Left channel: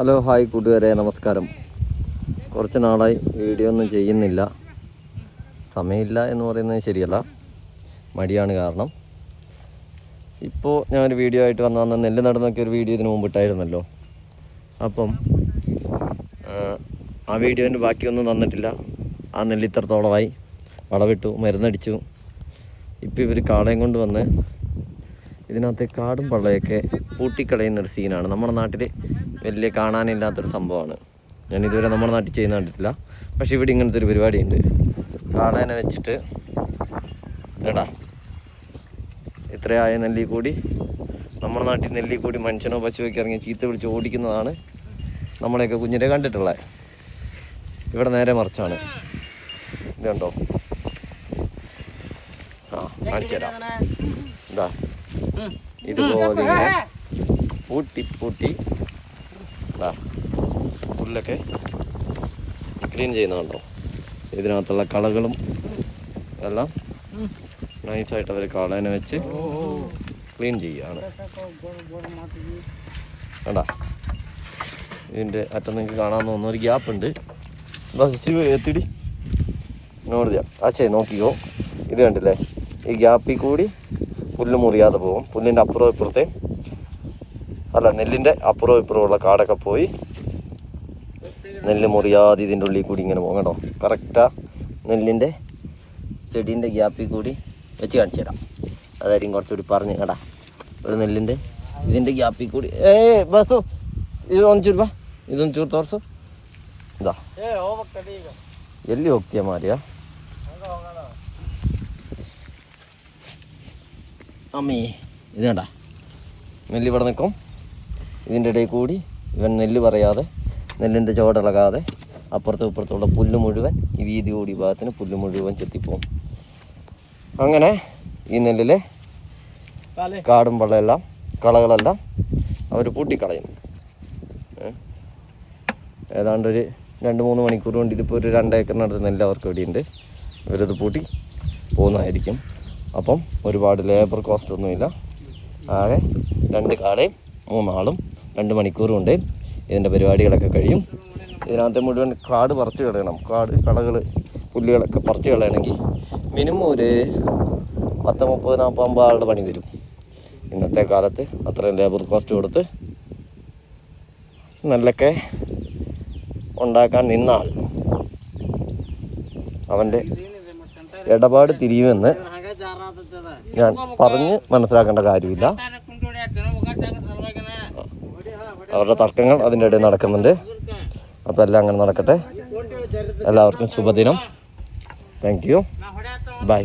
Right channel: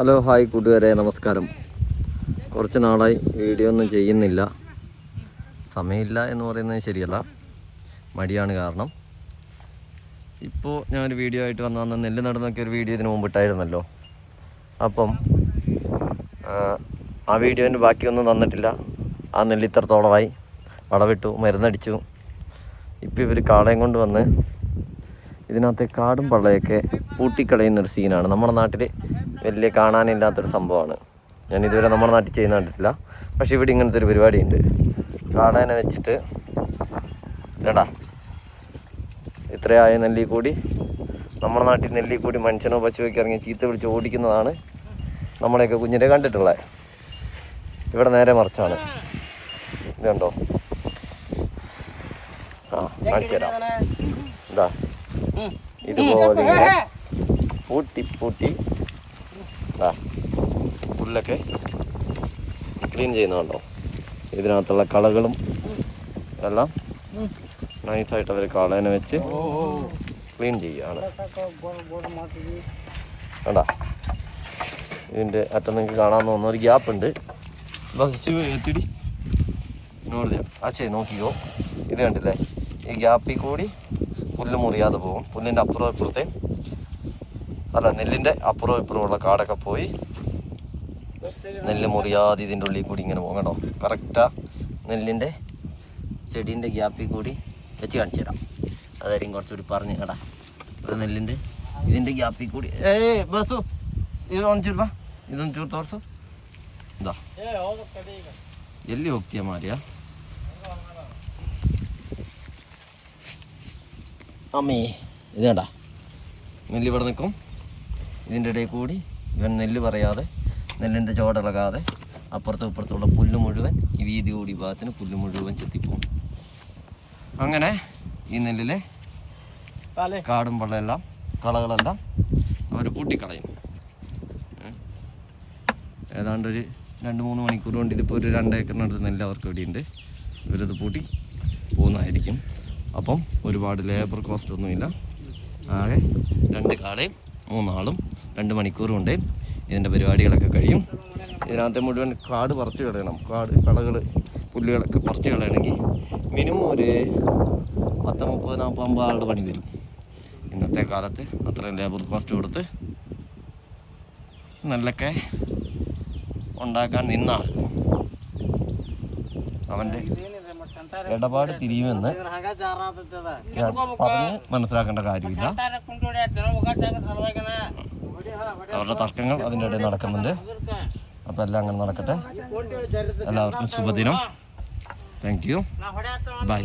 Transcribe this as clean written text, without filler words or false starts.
Hello hi കൂട്ടുകാരെ, നമസ്കാരം. കുറച്ച് നാളായി വീഡിയോ ഒന്നും ചെയ്യുന്നില്ല. സമയമില്ല എന്ന് പറയുന്നത് ശരിയല്ല, മടിയാണ് കാരണം. ഇപ്പോൾ ഞാനൊരു വീഡിയോ ആയിട്ട് വന്ന നെല്ല് നടന്നൊക്കെ ഒരു വീഡിയോ ഇതിന് മുമ്പ് ഇട്ടായിരുന്നല്ലോ. അപ്പം ആ വീഡിയോൻ്റെ ബാക്കിയൊന്നും തന്നിട്ടില്ല. ആ നെല്ല് ഇത്രത്തോളമായി, വളവിട്ടു, മരുന്നടിച്ചു. ഇപ്പോൾ ഇവർ കാളയും കൊണ്ട് വന്ന് ഇതിനകത്ത് കാടും പള്ളയൊക്കെ പൂട്ടിക്കളയുന്നൊരു സീനാണ്. നമ്മുടെ നാട്ടിൽ വലിയ കാണാനില്ലാത്തൊരു സംഭവമാണ്. ഞാനിതുവരെ നമ്മുടെ നാട്ടിൽ ചെയ്യുന്ന കണ്ടിട്ടില്ല. പക്ഷെ ഇവിടെ ഇങ്ങനത്തെ ഒരു പരിപാടിയുണ്ട്. കാളേനെ വെച്ചിട്ട് എടാ ഇത്രയായ നെല്ലിൽ കൂടി, നമ്മുടെ നാട്ടിൽ നെല്ലിൽ കൂടി മനുഷ്യനോ പശുവൊക്കെ ഇറങ്ങി ചീത്ത വിളിച്ച് ഓടിക്കുന്നതാണ് നമ്മളെയൊക്കെ കുഞ്ഞിനെ കണ്ടിട്ടുള്ളത്. ഇവിടെ നേരെ മറിച്ചാണ്. ഇതുണ്ടോ? ഇതാ ഇതുപോലെ പൂട്ടി പുല്ലൊക്കെ ക്ലീൻ ചെയ്യുന്നുണ്ടോ? ഇതിനകത്തുള്ള കളകളും എല്ലാം നൈസായിട്ട് അവർ കാളേനെ വെച്ച് ക്ലീൻ ചെയ്യുകയാണ്. വേണ്ട, ഇതിൻ്റെ അറ്റം നിങ്ങൾക്ക് കാണാമെന്ന് തോന്നുന്ന ഒരു ഗ്യാപ്പുണ്ട്. എത്തിടി നോടിയാ അച്ഛേ നോക്കിക്കോ. ഇത് കണ്ടില്ലേ, ഈ ഗ്യാപ്പിൽ കൂടി പുല്ല് മുറിയാതെ പോകും. പുല്ലിൻ്റെ അപ്പുറവും ഇപ്പുറത്തെ നെല്ലിൻ്റെ അപ്പുറവും ഇപ്പുറമുള്ള കാടൊക്കെ പോയി നെല്ല് മുറിയാതെ ഇതിൻ്റെ ഉള്ളിൽ കൂടി ഇങ്ങനെ പോകണോ. കറക്റ്റാ നെല്ലിൻ്റെ ചെടീൻ്റെ ഗ്യാപ്പിൽ കൂടി വെച്ച് കാണിച്ചു തരാം. അതായിരിക്കും കുറച്ചുകൂടി പറഞ്ഞ് കേടാ. ഒരു നെല്ലിൻ്റെ ഇതിൻ്റെ ഗ്യാപ്പിൽ കൂടി ബസ്സോ ഇതൊഞ്ചൂർ തോർസോ ഇതാ എല്ലി ಹೋಗ್ತೀಯ മാറിയാ അമ്മേ. ഇത് കണ്ട നെല്ല് ഇവിടെ നിൽക്കും. ഇതിൻ്റെ ഇടയിൽ കൂടി ഇവൻ നെല്ല് പറയാതെ, നെല്ലിൻ്റെ ചോടിളകാതെ അപ്പുറത്തും ഇപ്പുറത്തുള്ള പുല്ല് മുഴുവൻ, ഈ വീതി കൂടി ഭാഗത്തിന് പുല്ല് മുഴുവൻ ചെത്തിപ്പോവും. അങ്ങനെ ഈ നെല്ലിലെ കാടും വെള്ളമെല്ലാം കളകളെല്ലാം അവർ പൂട്ടിക്കളയും. ഏതാണ്ടൊരു 2-3 മണിക്കൂർ കൊണ്ട് ഇതിപ്പോൾ ഒരു 2 ഏക്കറിനടുത്ത് നെല്ല് അവർക്ക് ഇവിടെയുണ്ട്. ഇവരത് പൂട്ടി പോകുന്നതായിരിക്കും. അപ്പം ഒരുപാട് ലേബർ കോസ്റ്റ് ഒന്നുമില്ല. ആകെ 2 കാളയും 3 ആളും 2 മണിക്കൂർ കൊണ്ട് ഇതിൻ്റെ പരിപാടികളൊക്കെ കഴിയും. ഇതിനകത്ത് മുഴുവൻ കാട് പറിച്ച് കളയണം. കളകൾ പുല്ലുകളൊക്കെ പറിച്ച് കളയണമെങ്കിൽ മിനിമം ഒരു 10, 30, 40, 50 ആളുടെ പണി വരും. ഇന്നത്തെ കാലത്ത് അത്രയും ലേബർ കോസ്റ്റ് കൊടുത്ത് നെല്ലൊക്കെ ഉണ്ടാക്കാൻ നിന്നാൽ അവൻ്റെ ഇടപാട് തിരിയുമെന്ന് ഞാൻ പറഞ്ഞ് മനസ്സിലാക്കേണ്ട കാര്യമില്ല. അവരുടെ തർക്കങ്ങൾ അതിൻ്റെ ഇടയിൽ നടക്കുന്നുണ്ട്. അപ്പോൾ എല്ലാം അങ്ങനെ നടക്കട്ടെ. എല്ലാവർക്കും ശുഭദിനം. Thank you. ബൈ.